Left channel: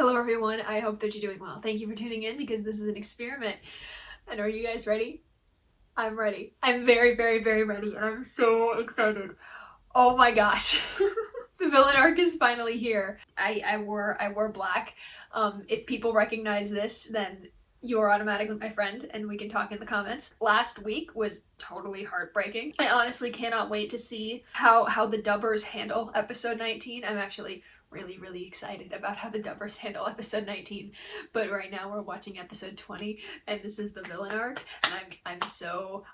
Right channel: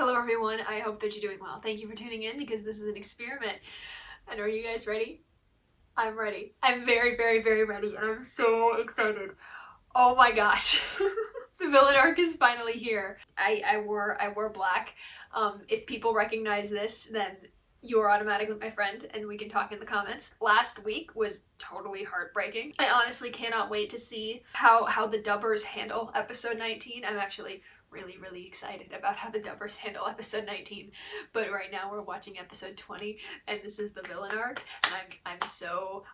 Hello everyone, I hope that you're doing well. Thank you for tuning in because this is an experiment. And are you guys ready? I'm ready. I'm very, very, very ready and I'm so excited. Oh my gosh. The villain arc is finally here. I wore black. If people recognize this, then you're automatically my friend and we can talk in the comments. Last week was totally heartbreaking. I honestly cannot wait to see how the dubbers handle episode 19. I'm actually really excited about how the dubbers handle episode 19, but right now we're watching episode 20 and this is the villain arc and I'm so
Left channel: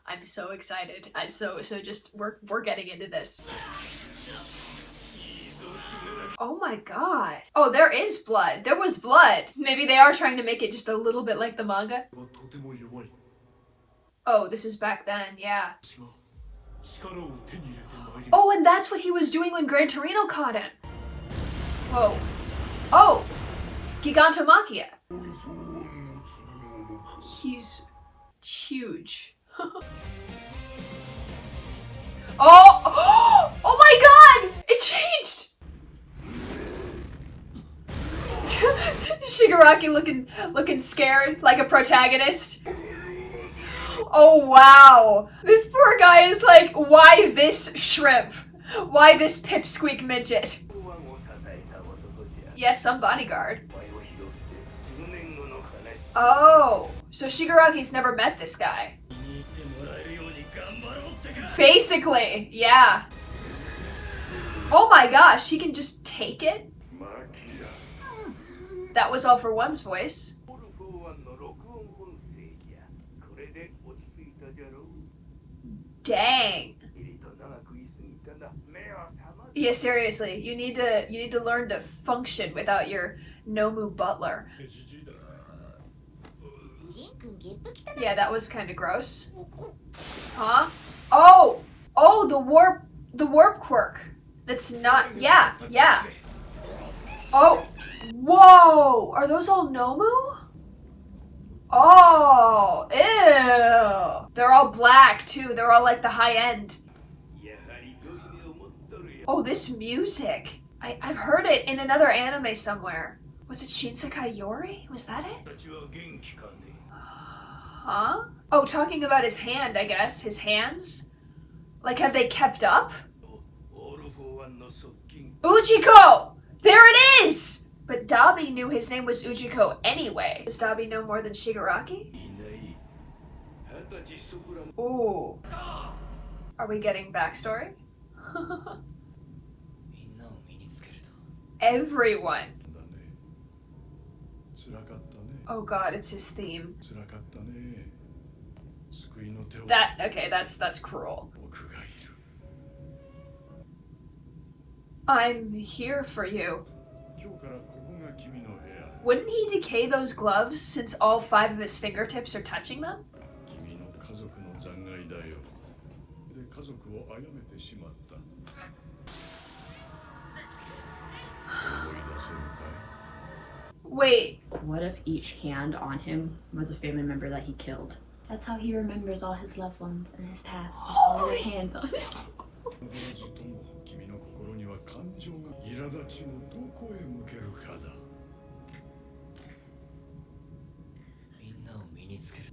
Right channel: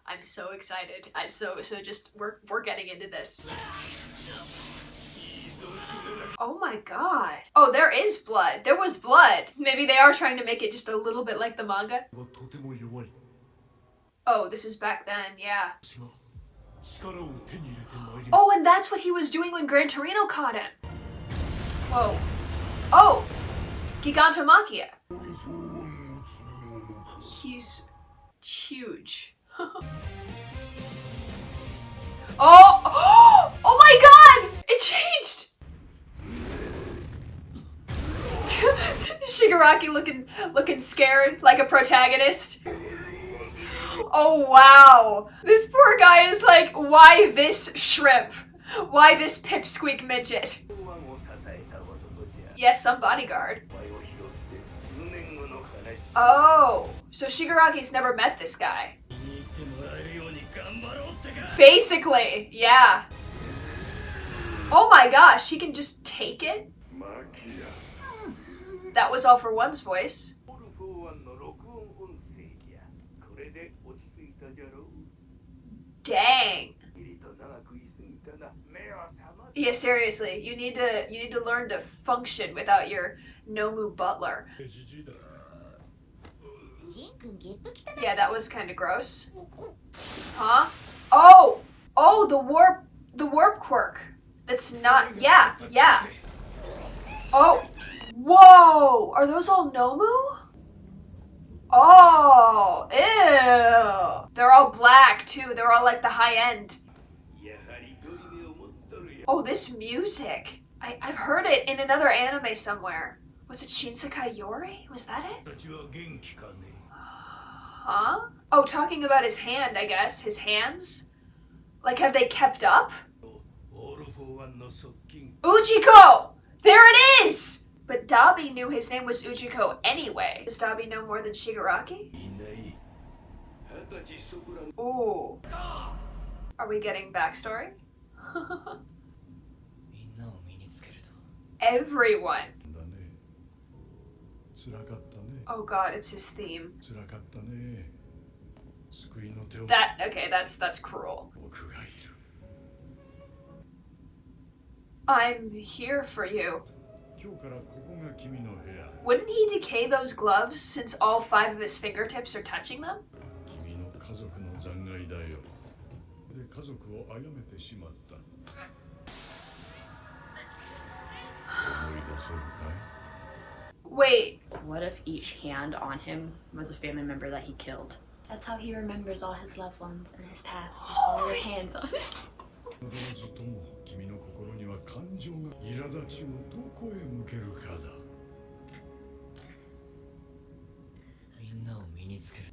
excited. So just we're getting into this. Oh my god. Oh, there is blood. There was blood. Maybe they are trying to make it just a little bit like the manga. Oh, this is back then, yeah. Oh, and that's what he was doing when Gran Torino caught him. Whoa. Oh! Gigantomachia. He's huge. Oh! Oh my god! It changed! Shigaraki looking scared, like a protagonist. Oh wow! This poor guy is like, why this shrimp? Why this pipsqueak midget? Yes, some bodyguard. Oh, so Shigaraki's never met this guy. Basically, yeah. Oh my gosh, he can just take it? That was all for one's voice. Dang. Yeah, seriously, you need to learn to function without your Nomu butler. Yeah, that was kind of gross. Huh? Oh, the warp quirk. That's not. Yeah. Oh, whoa! Are those all Nomu? Oh, ew! They're all black too. They're all like the high end. Oh, this music. I've heard it in another anime somewhere. Was it Shinsekai Yori? Was that it? Huh? Oh, talking about his hand, I guess. His hands? Like, have they kept up? Ujiko! There it is! But Dabi knew his name was Ujiko anyway. Does Dabi know more than Shigaraki? Ooh. Are we getting backstory? Everyone. Oh god, it's his theme. That's cruel. I'm here for you. Wouldn't he decay those gloves since all 5 of his fingertips are touching them? Wait. What if each hand on him was a family member that he killed? That's how he remembers all his loved ones and his past. Just all his hands on it.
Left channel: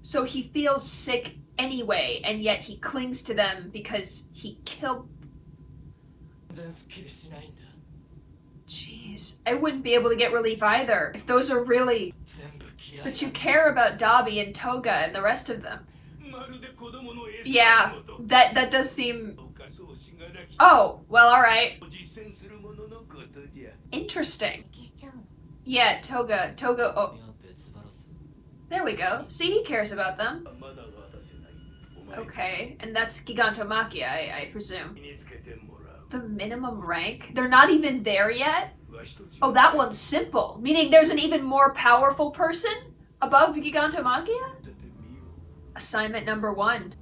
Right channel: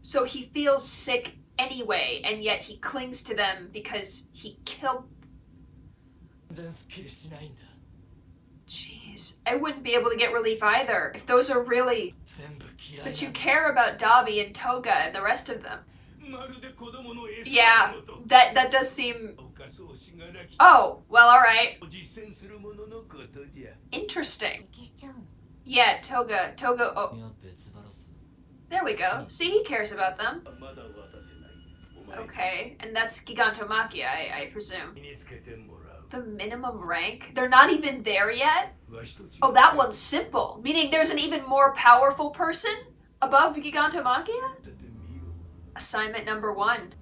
So he feels sick anyway, and yet he clings to them because he killed. Jeez, I wouldn't be able to get relief either if those are really. But you care about Dabi and Toga and the rest of them. Yeah, that does seem. Oh, well, alright. Interesting. Yeah, Toga, oh. There we go. See, he cares about them. Okay, and that's Gigantomachia, I presume. The minimum rank? They're not even there yet? Oh, that one's simple. Meaning there's an even more powerful person above Gigantomachia? Assignment number 1.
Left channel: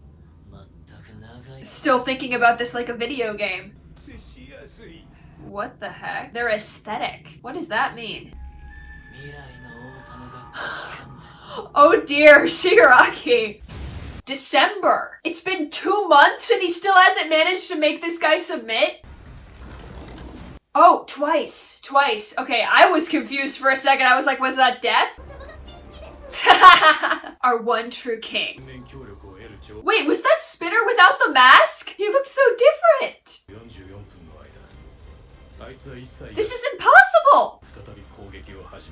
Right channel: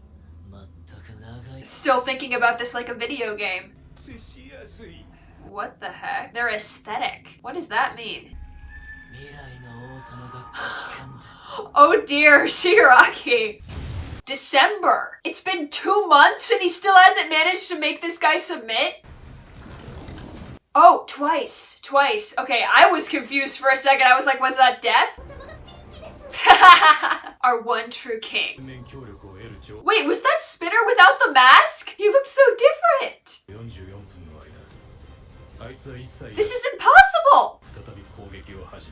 Still thinking about this like a video game. What the heck? They're aesthetic. What does that mean? Oh dear, Shigaraki. December. It's been 2 months and he still hasn't managed to make this guy submit? Oh, twice. Okay, I was confused for a second. I was like, was that death? Our one true king. Wait, was that Spinner without the mask? He looks so different. This is impossible.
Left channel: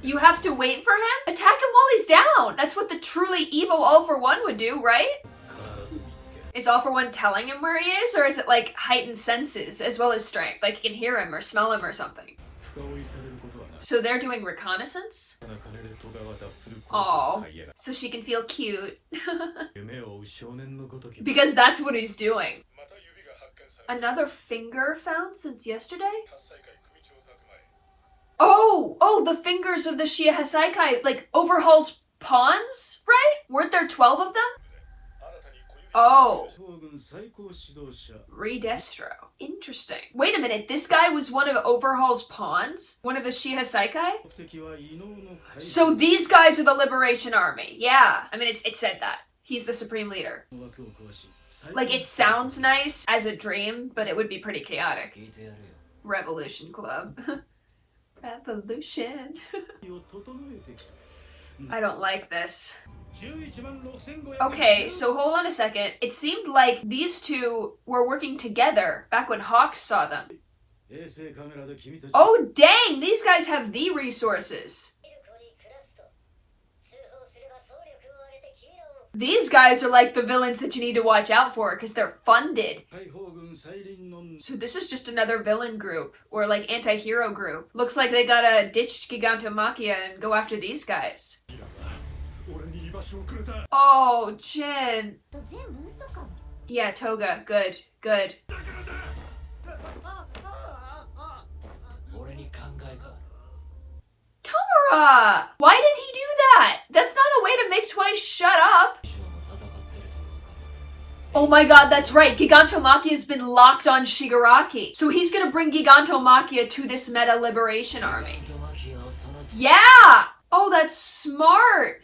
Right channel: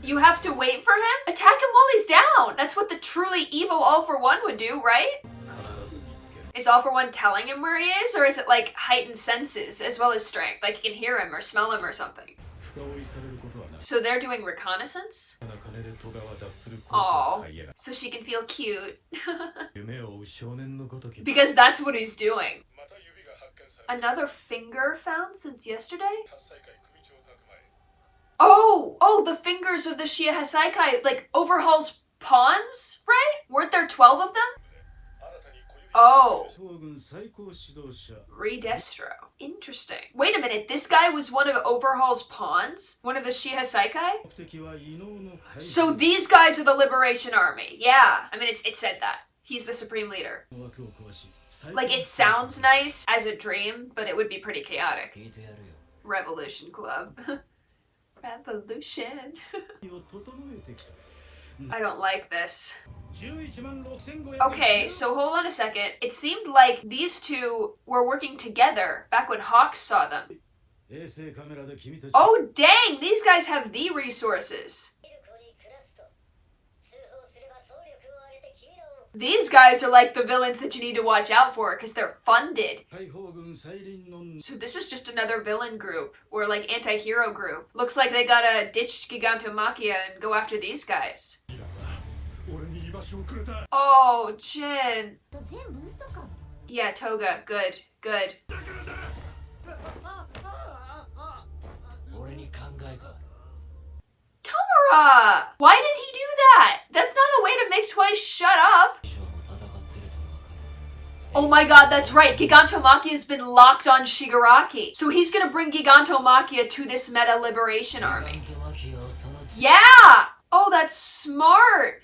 You have to wait for him? Attack him while he's down. That's what the truly evil All For One would do, right? Is All For One telling him where he is, or is it like heightened senses as well as strength? Like he can hear him or smell him or something. So they're doing reconnaissance? Oh, so she can feel cute. Because that's what he's doing. Another finger found since yesterday? Oh, the fingers of the Shia Hasaikai, like, overhauls pawns, right? Weren't there 12 of them? Oh. ReDestro. Interesting. Wait a minute, this guy was one of Overhaul's pawns? One of the Shia Hasaikai? So these guys are the Liberation Army. Yeah, I mean, it said that. He's the supreme leader. Like, it sounds nice as a dream, but it would be pretty chaotic. Revolution Club. Revolution. I don't like this. Okay, so hold on a second. It seemed like these two were working together back when Hawks saw them. Oh dang, these guys have the resources. These guys are like the villains that you need to watch out for because they're funded. So this is just another villain group, or like anti-hero group. Looks like they gotta ditch Gigantomachia and go after these guys. Oh, Jin. Yeah, Toga, good. Tomura! Why did he do that? That's not a way to make Twice shut up. Oh my god, that's right. Gigantomachia has been locked on Shigaraki. So he's gonna bring Gigantomachia to this Meta Liberation Army. Yeah! Oh, that's smart.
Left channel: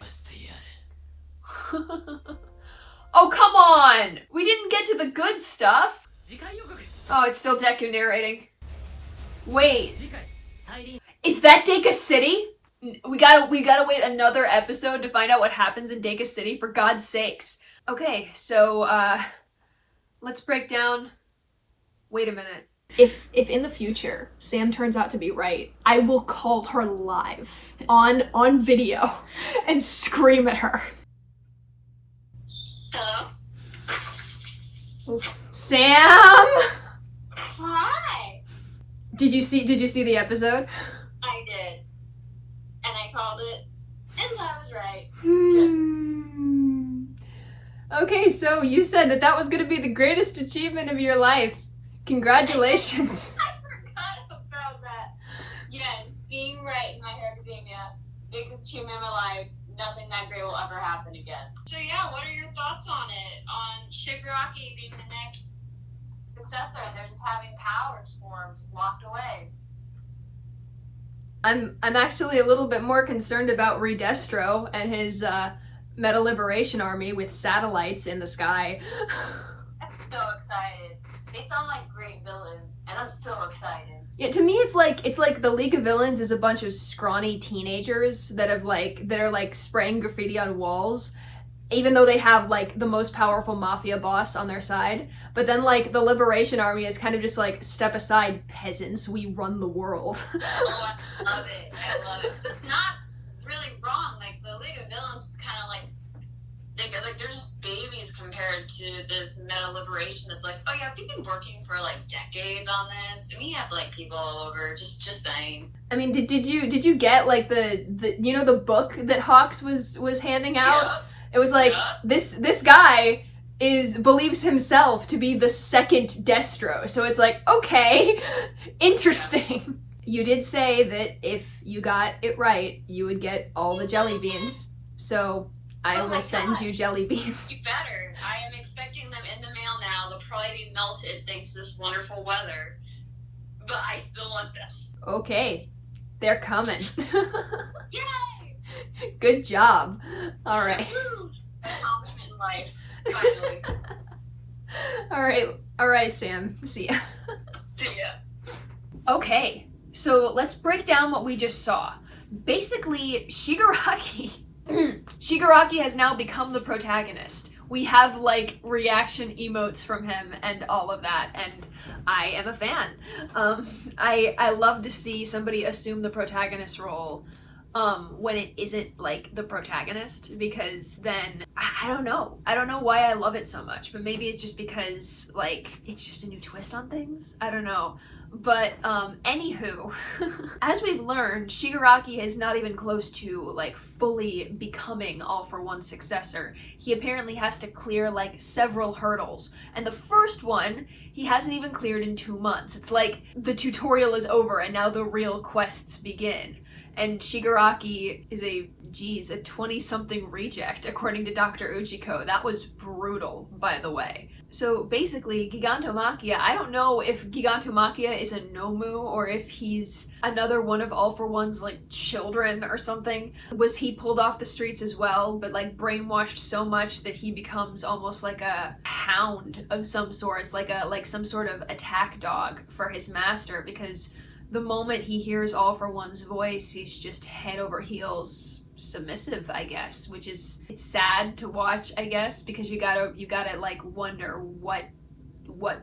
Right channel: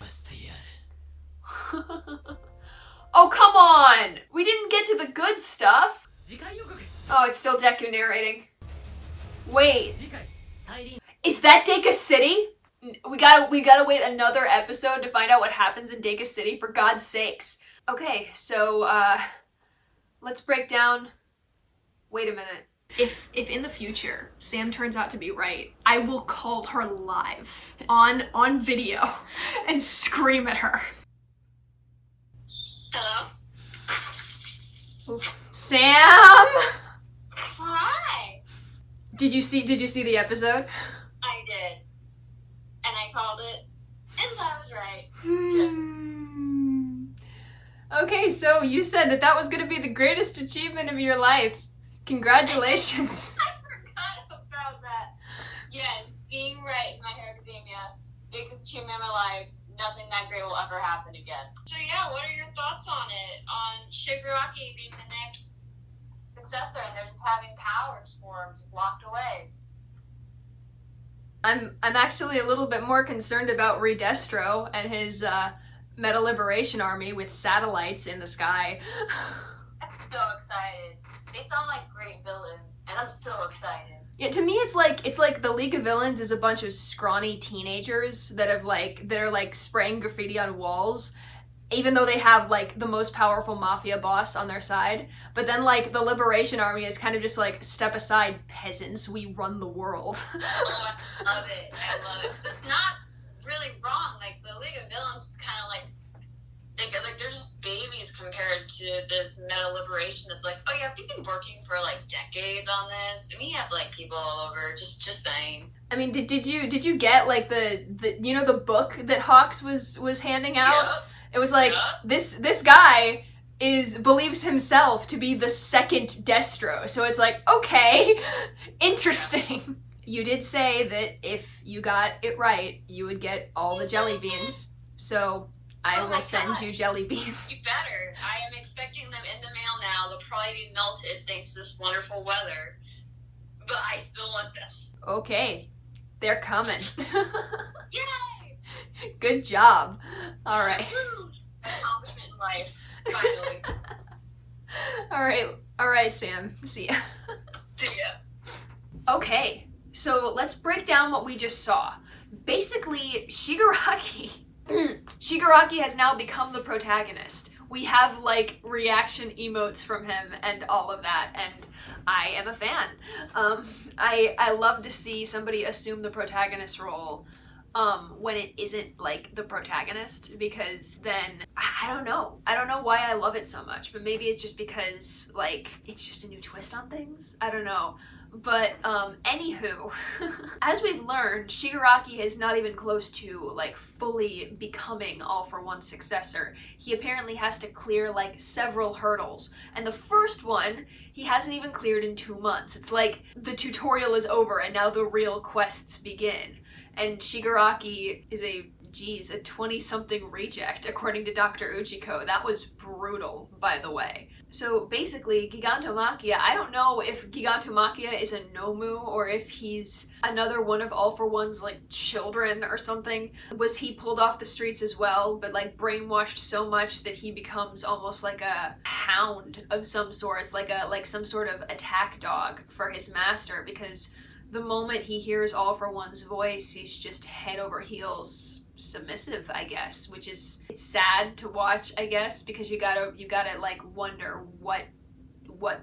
Oh, come on. We didn't get to the good stuff. Oh, it's still Deku narrating. Wait. Is that Deka City? We gotta wait another episode to find out what happens in Deka City, for God's sakes. Okay, so, let's break down... Wait a minute. If in the future, Sam turns out to be right, I will call her live on video and scream at her. Hello? Oof. Sam! Hi! Did you see the episode? I did. And I called it, and I was right. Okay, so you said that was gonna be the greatest achievement of your life. Congratulations. I forgot about that. Yes, being right in My Hero Academia, biggest achievement of my life. Nothing that great will ever happen again. So yeah, what are your thoughts on it? On Shigaraki being the next successor, and they're just having powers for him, just locked away. I'm actually a little bit more concerned about ReDestro and his Meta Liberation Army with satellites in the sky. I'm so excited. They sound like great villains, and I'm so excited. Yeah, to me it's like the League of Villains is a bunch of scrawny teenagers that are spraying graffiti on walls, even though they have like the most powerful mafia boss on their side. But then like the Liberation Army is kind of just like, step aside, peasants, we run the world. Oh, I love it. I love it. 'Cause it's not really wrong. Like the League of Villains is kind of like they're just babies compared to this Meta Liberation that's like, oh yeah, we've been working for like decades on this, and we have like people all over. Just saying. I mean, did you get like the the book that Hawks was handing out? Yep. It was like, this guy believes himself to be the second Destro. So it's like, okay, interesting. Yeah. You did say that if you got it right, you would get all the jelly beans. So I will send you jelly beans. You better. I am expecting them in the mail now. They'll probably be melted thanks to this wonderful weather. But I still want them. Okay. They're coming. Yay! Good job. All right. Woo! Accomplishment in life. Finally. All right, Sam. See ya. See ya. Okay. So let's break down what we just saw. Basically, Shigaraki has now become the protagonist. We have like reaction emotes from him and all of that, and I am a fan. I love to see somebody assume the protagonist role when it isn't like the protagonist, because then I don't know why I love it so much, but maybe it's just because like it's just a new twist on things. I don't know. But anywho, as we've learned, Shigaraki is not even close to like fully becoming All for One's successor. He apparently has to clear like several hurdles, and the first one he hasn't even cleared in 2 months. It's like the tutorial is over and now the real quests begin. And Shigaraki is a 20-something reject, according to Dr. Uchiko. That was brutal, by the way. So basically, Gigantomachia, I don't know if Gigantomachia is a Nomu or if he's another one of All for One's like children or something. Was he pulled off the streets as well, but like brainwashed so much that he becomes almost like a hound of some sorts, like some sort of attack dog for his master, because the moment he hears All for One's voice, he's just head over heels submissive, I guess, which is, it's sad to watch, I guess, because you gotta like wonder what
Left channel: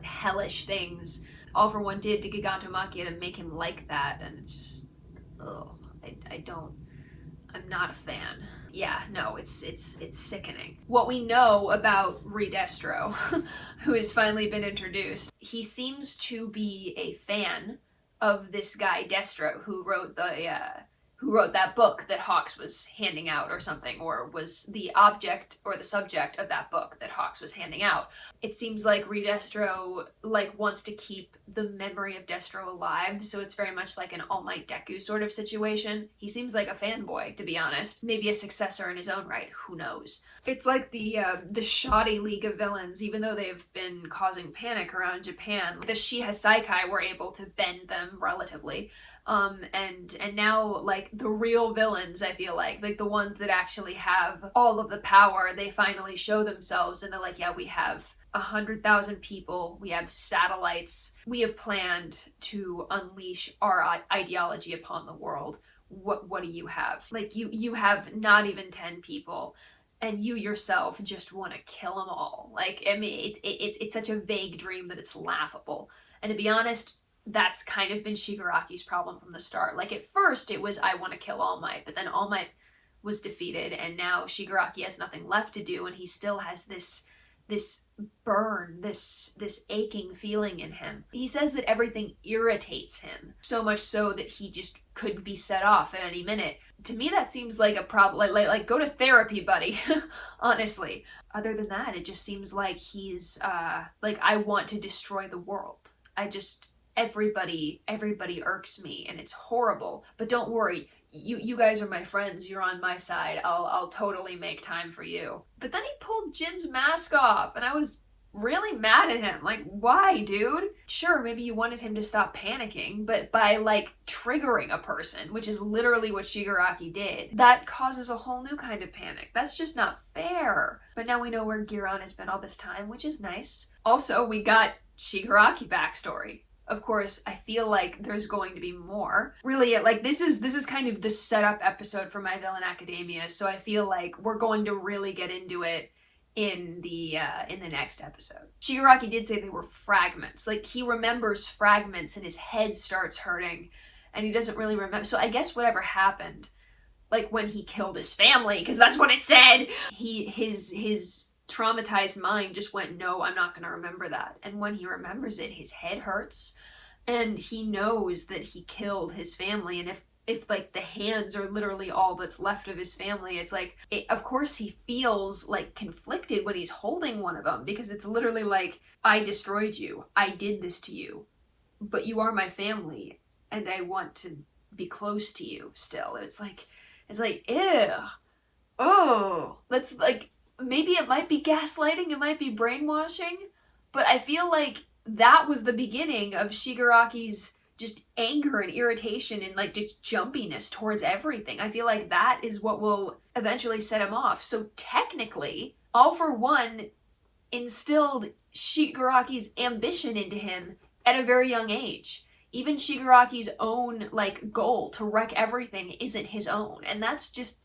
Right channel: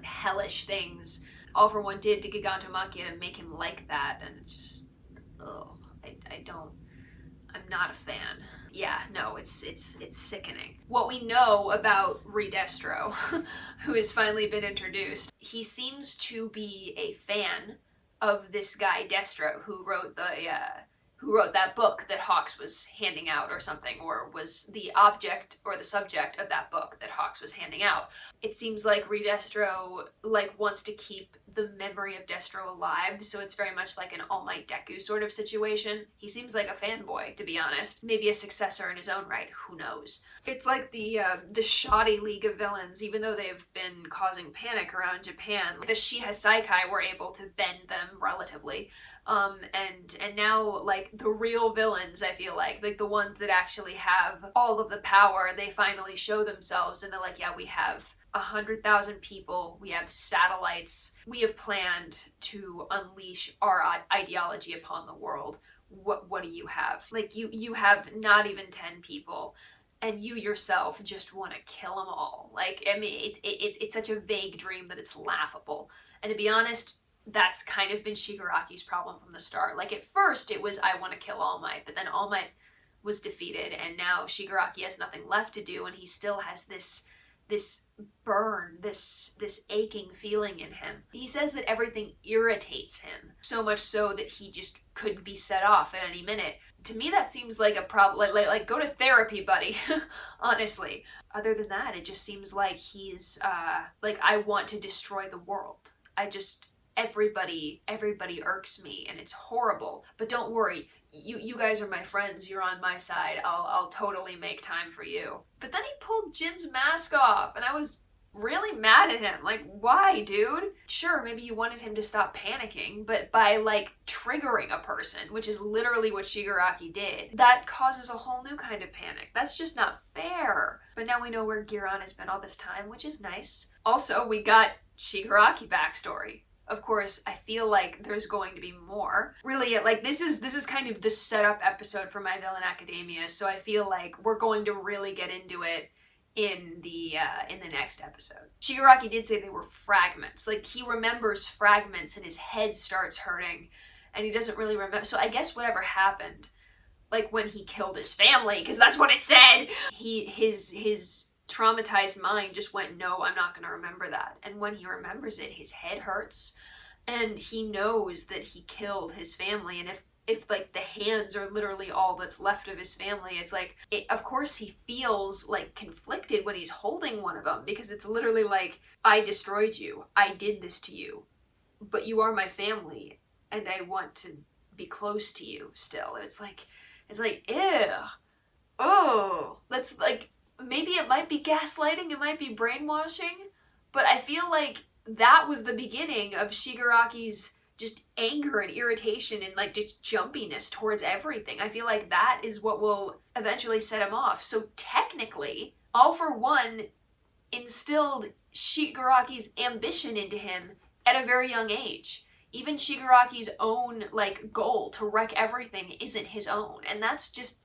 hellish things All for One did to Gigantomachia to make him like that, and it's just, I'm not a fan. Yeah, no, it's sickening. What we know about ReDestro, who has finally been introduced, he seems to be a fan of this guy Destro, who wrote that book that Hawks was handing out or something, or was the object or the subject of that book that Hawks was handing out. It seems like ReDestro like wants to keep the memory of Destro alive, so it's very much like an All Might Deku sort of situation. He seems like a fanboy, to be honest. Maybe a successor in his own right, who knows. It's like the shoddy League of Villains, even though they've been causing panic around Japan. The Shiha Saikai were able to bend them relatively. And now, like, the real villains, I feel like the ones that actually have all of the power, they finally show themselves, and they're like, yeah, we have 100,000 people, we have satellites, we have planned to unleash our ideology upon the world. What do you have? Like, you have not even 10 people, and you yourself just want to kill them all. Like, I mean, it's such a vague dream that it's laughable. And to be honest, that's kind of been Shigaraki's problem from the start. Like, at first it was, I want to kill All Might, but then All Might was defeated, and now Shigaraki has nothing left to do, and he still has this burn, this aching feeling in him. He says that everything irritates him, so much so that he just could be set off at any minute. To me, that seems like a problem. Like go to therapy, buddy. Honestly. Other than that, it just seems like he's like, I want to destroy the world. Everybody irks me, and it's horrible. But don't worry, you guys are my friends. You're on my side. I'll totally make time for you. But then he pulled Jin's mask off, and I was really mad at him. Like, why, dude? Sure, maybe you wanted him to stop panicking, but by like triggering a person, which is literally what Shigaraki did, that causes a whole new kind of panic. That's just not fair. But now we know where Giran has been all this time, which is nice. Also, we got Shigaraki backstory. Of course, I feel like there's going to be more. Really, like, this is kind of the setup episode for My Villain Academia, so I feel like we're going to really get into it in the next episode. Shigaraki did say they were fragments. Like, he remembers fragments and his head starts hurting, and he doesn't really remember. So I guess whatever happened, like when he killed his family, because that's what it said, his traumatized mind just went, no, I'm not going to remember that. And when he remembers it, his head hurts, and he knows that he killed his family. And if like the hands are literally all that's left of his family, it's like, of course he feels like conflicted when he's holding one of them, because it's literally like, I destroyed you, I did this to you, but you are my family, and I want to be close to you still. It's like, ew, oh, that's like, maybe it might be gaslighting, it might be brainwashing, but I feel like that was the beginning of Shigaraki's just anger and irritation and like just jumpiness towards everything. I feel like that is what will eventually set him off. So technically, All for One instilled Shigaraki's ambition into him at a very young age. Even Shigaraki's own, like, goal to wreck everything isn't his own. And that's just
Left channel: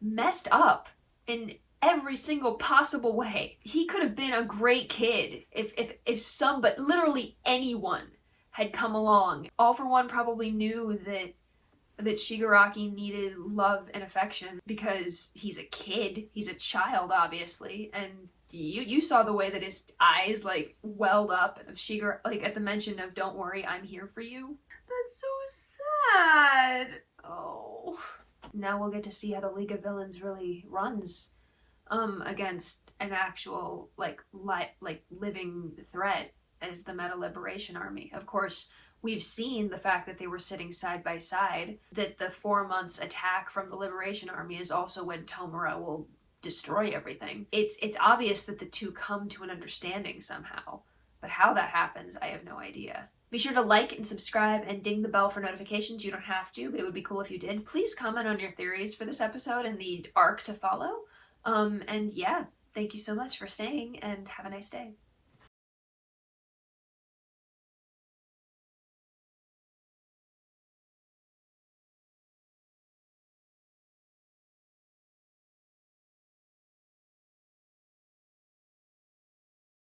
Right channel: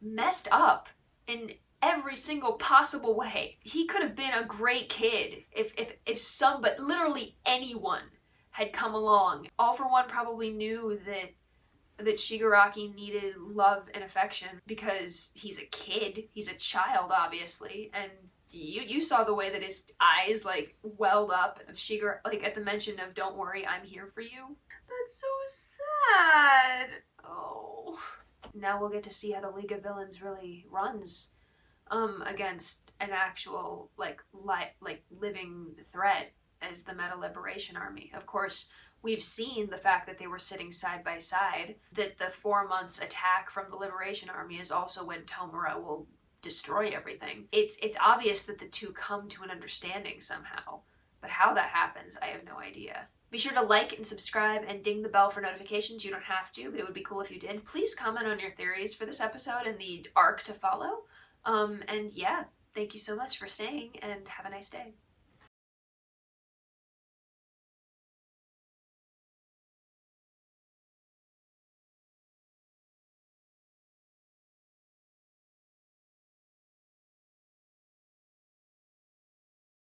messed up in every single possible way. He could have been a great kid if some, but literally anyone had come along. All for One probably knew that Shigaraki needed love and affection because he's a kid, he's a child, obviously, and you saw the way that his eyes, like, welled up of Shigaraki, like, at the mention of "Don't worry, I'm here for you." That's so sad. Oh. Now we'll get to see how the League of Villains really runs against an actual, like living threat as the Meta Liberation Army. Of course, we've seen the fact that they were sitting side by side, that the 4 months attack from the Liberation Army is also when Tomura will destroy everything. It's obvious that the two come to an understanding somehow, but how that happens, I have no idea. Be sure to like and subscribe and ding the bell for notifications. You don't have to, but it would be cool if you did. Please comment on your theories for this episode and the arc to follow. And yeah, thank you so much for staying, and have a nice day.